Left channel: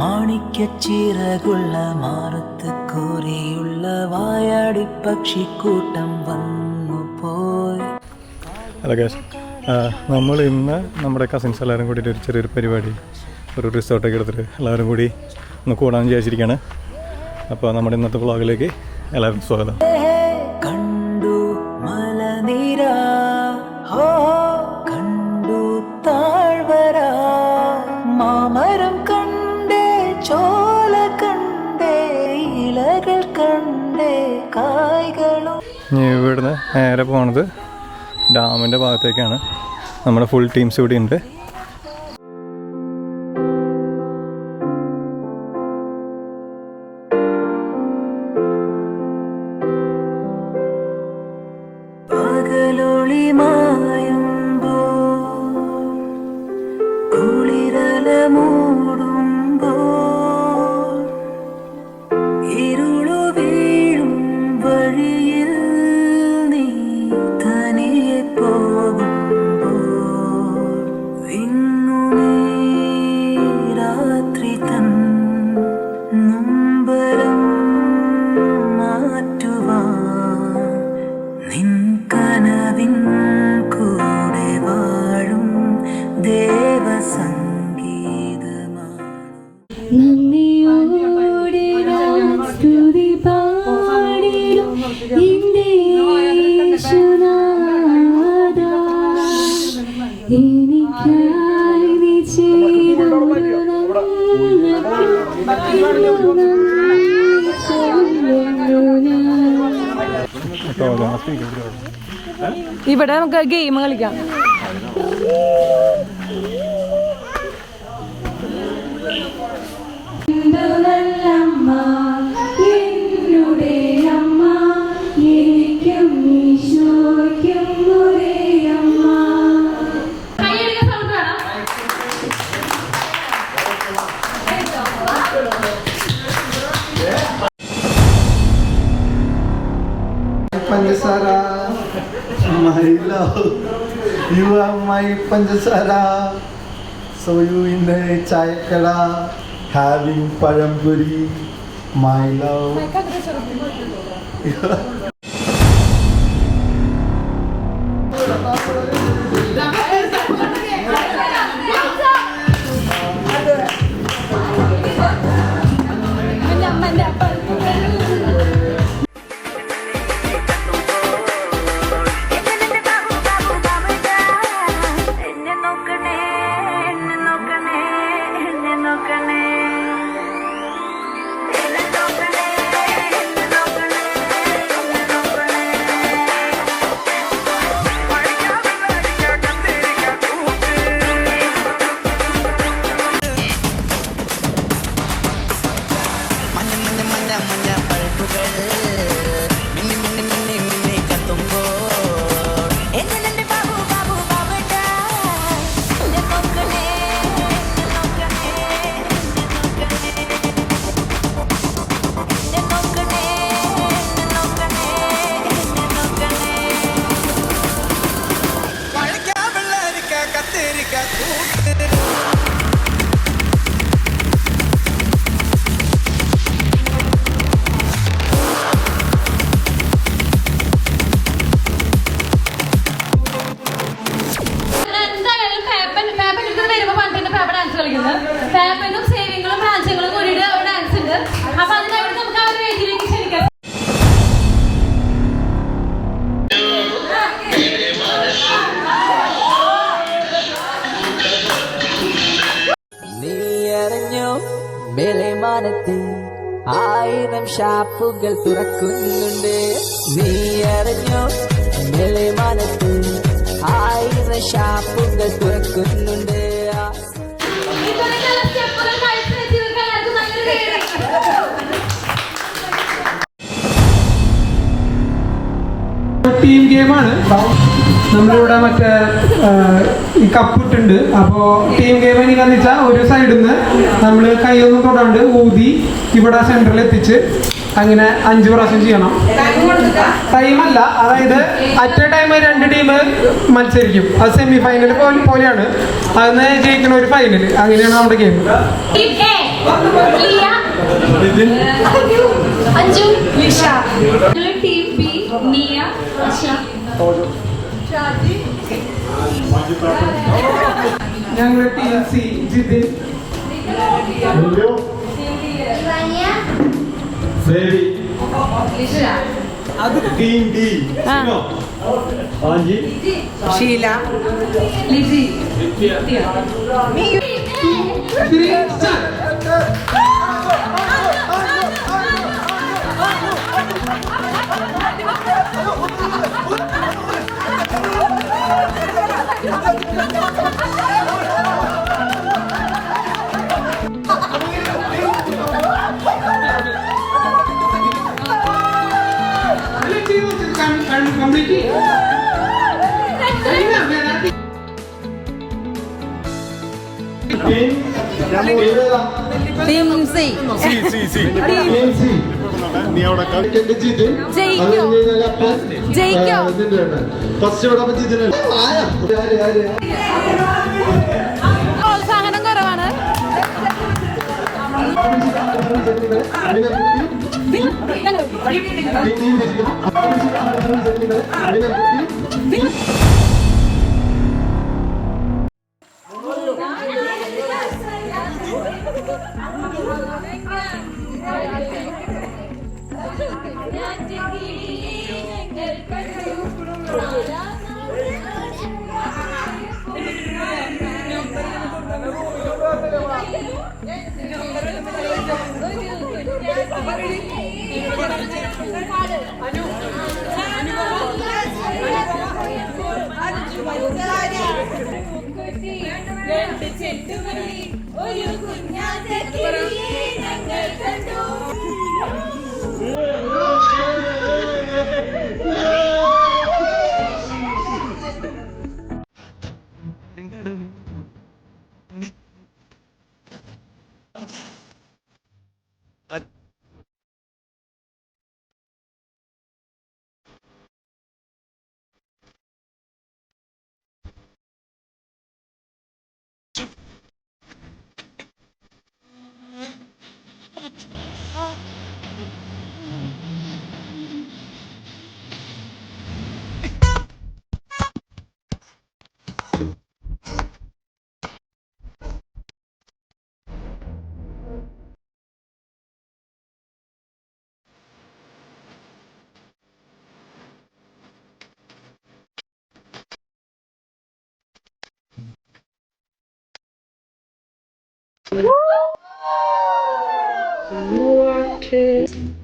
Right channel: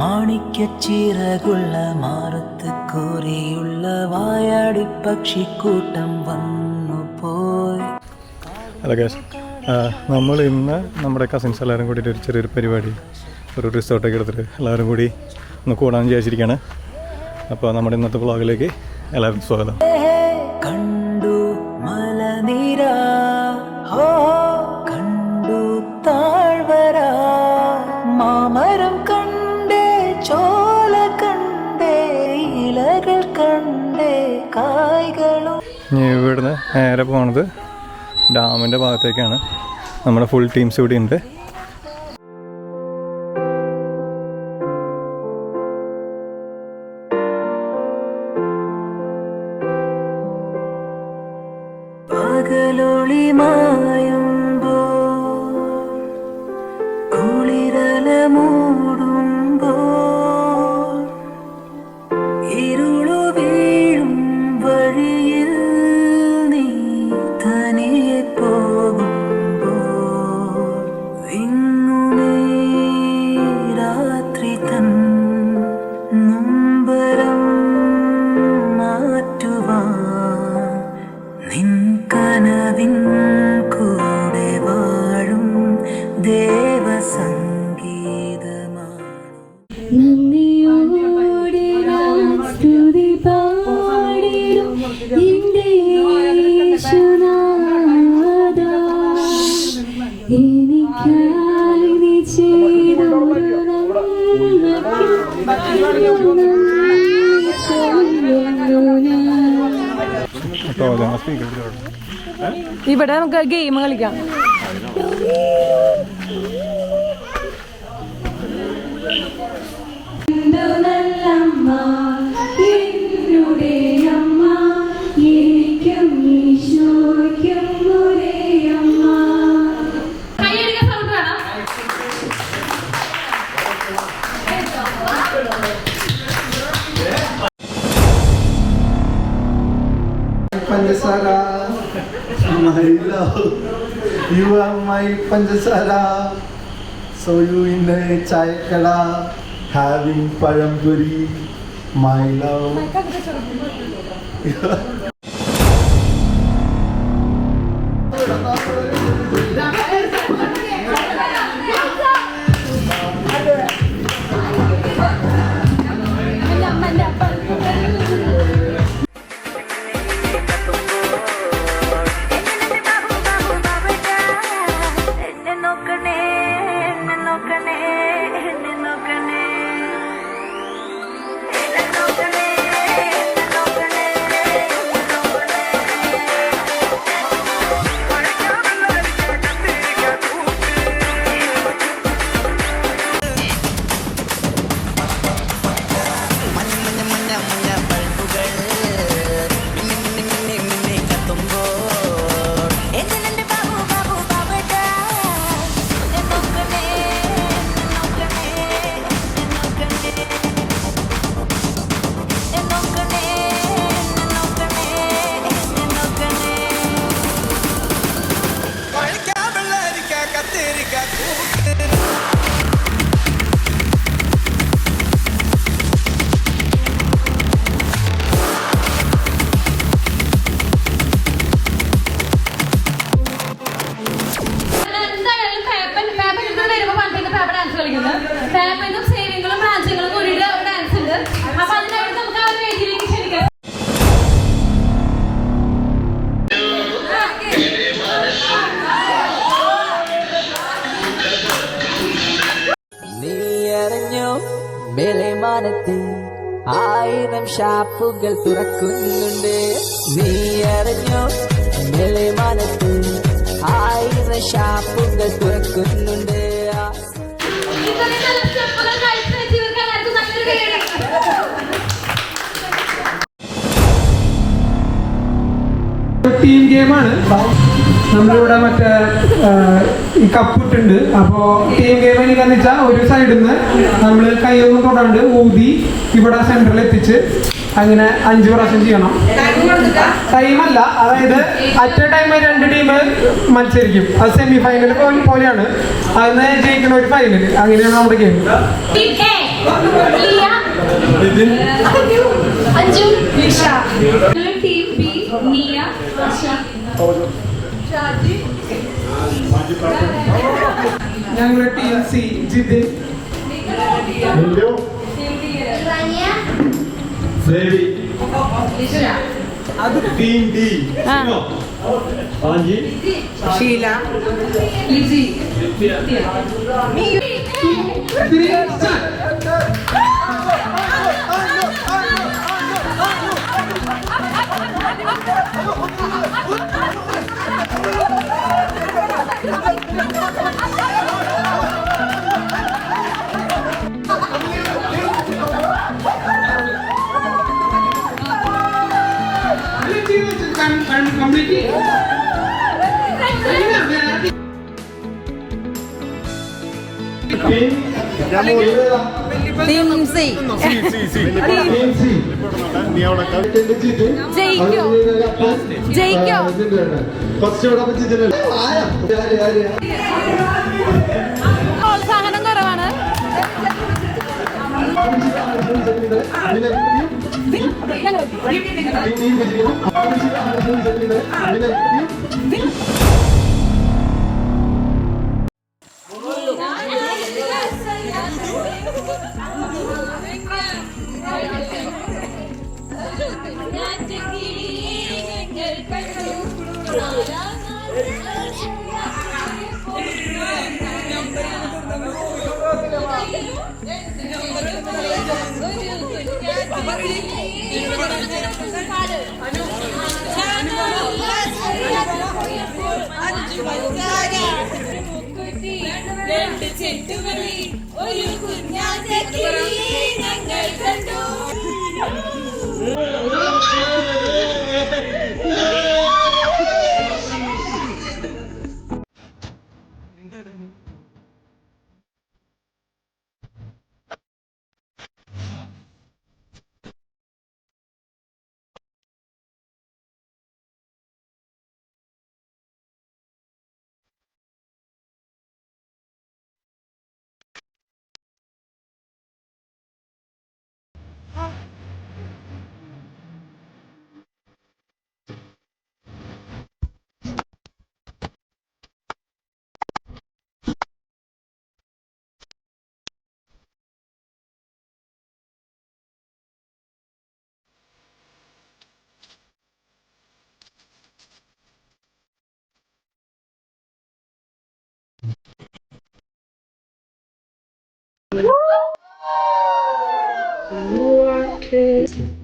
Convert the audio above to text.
മാണിക്യച്ചിറകുള്ള മാറത്ത് കോരിയുള്ള വായാടി പക്ഷിക്കൂട്ടം വന്നു പോയി. Hello guys, നമ്മൾ ഇന്ന് നമ്മുടെ കസിൻസ് എല്ലാവരും കൂടിയിട്ട് ഒരു ചെറിയൊരു പരിപാടി, ഒരു റിസോർട്ടൊക്കെ എടുത്തിട്ട് എല്ലാവരും കൂടി ഒന്ന് കൂടാൻ വിചാരിച്ചിരിക്കുകയാണ്. അപ്പോൾ നമ്മുടെ ഇന്നത്തെ വ്ളോഗിലേക്ക് എല്ലാവരും സ്വാഗതം. കണ്ടു മലനിര, കണ്ടു താഴ്വര, മാമരം കണ്ടേ, ചോല കണ്ടേ, ഇലകൾ കണ്ടേ, കായ്കളും. ഇനി ഇവിടുന്ന് നേരെ പോണത് ഡാമിൻ്റെ ഭാഗത്തേക്കാണ്. നമ്മുടെ ഫുൾ ടീംസ് ഇവിടെ ഉണ്ട്. പകലൊളി മായുമ്പോൾ കുളിരല മൂടുമ്പോൾ ഇരുളു വീഴും വഴിയിൽ നീ തനിയെ പോകുമ്പോൾ വിങ്ങുമീ രാത്രി തൻ നൊമ്പരം മാറ്റുവാൻ നിൻ കനവിൻ കൂടെ വാഴും ദേവസംഗീതമാണ്. നന്ദിയോടെ സ്തുതി പാടിടും എൻ്റെ യേശുനാഥാ, എനിക്കായി നീ ചെയ്തൊരു നന്മയ്ക്ക് നന്ദി ചൊല്ലുന്നു ഞാൻ. ഇവിടെ നമുക്ക് ഗെയിം കളിക്കാം. Panjasara, my love, you are my Panjasara. So you in the chai kala, having paramburi, my love. മഞ്ഞ ബൾബുകൾ മിന്നി മിന്നി മിന്നി മിന്നി കത്തുമ്പോൾ എന്നെ ബാബു ബാബു ബാബുടാ, എന്നെ നോക്കണേ, എന്നെ നോക്കണേ, എന്നെ നോക്കണേ, എന്നെ നോക്കണേ, എന്നെ നോക്കണേ, എന്നെ നോക്കണേ. വഴക്കാ വെള്ളരിക്ക കത്തിരിക്ക കൂട്ട്. മേലെമാനത്ത് 1000 ഷാപ്പുകൾ തുറക്കുന്നുണ്ട്. നീ അറിഞ്ഞോ, മേലെമാനത്ത് 1000 ഷാപ്പുകൾ തുറക്കുന്നുണ്ട്. ടീം ഗെയിമാണ്. നമ്മളിവിടെ മറ്റേ ഈ കപ്പിട്ടുണ്ട്. അപ്പോൾ ടീം ഗെയിം എനിക്കെന്ന് വെച്ചാൽ ഒരു സൈഡിൽ നിന്ന് നമ്മൾ കൈയൊന്നും തൊടാണ്ട് ഊതി ഇവിടെ സെന്ററിൽ എത്തിച്ച് അങ്ങനെ 5 പ്രാവശ്യം ചെയ്യണം. ടൈമല്ല, അതായത് അറ്റ് എ ടൈം 2 ടീം മത്സരിക്കും. അത് സെമി ഫൈനൽ പോലെയാണ്. അതിന് ജയിക്കുന്ന ഒരു ഫൈനൽ. അങ്ങനെയാണ് നമ്മുടെ game. Liya Nithin Anju Lisha team B Niya ഞങ്ങളുടെ team C Jithin team D Sheela team C ജയിക്കോ ജയിക്കോ പ്രോത്സാഹനം കുറവാണ്. രണ്ട് ചെണ്ടുമല്ലി ഒരു കുഞ്ഞാന്റെ കിളിയെ ഞങ്ങൾ കണ്ടു. What is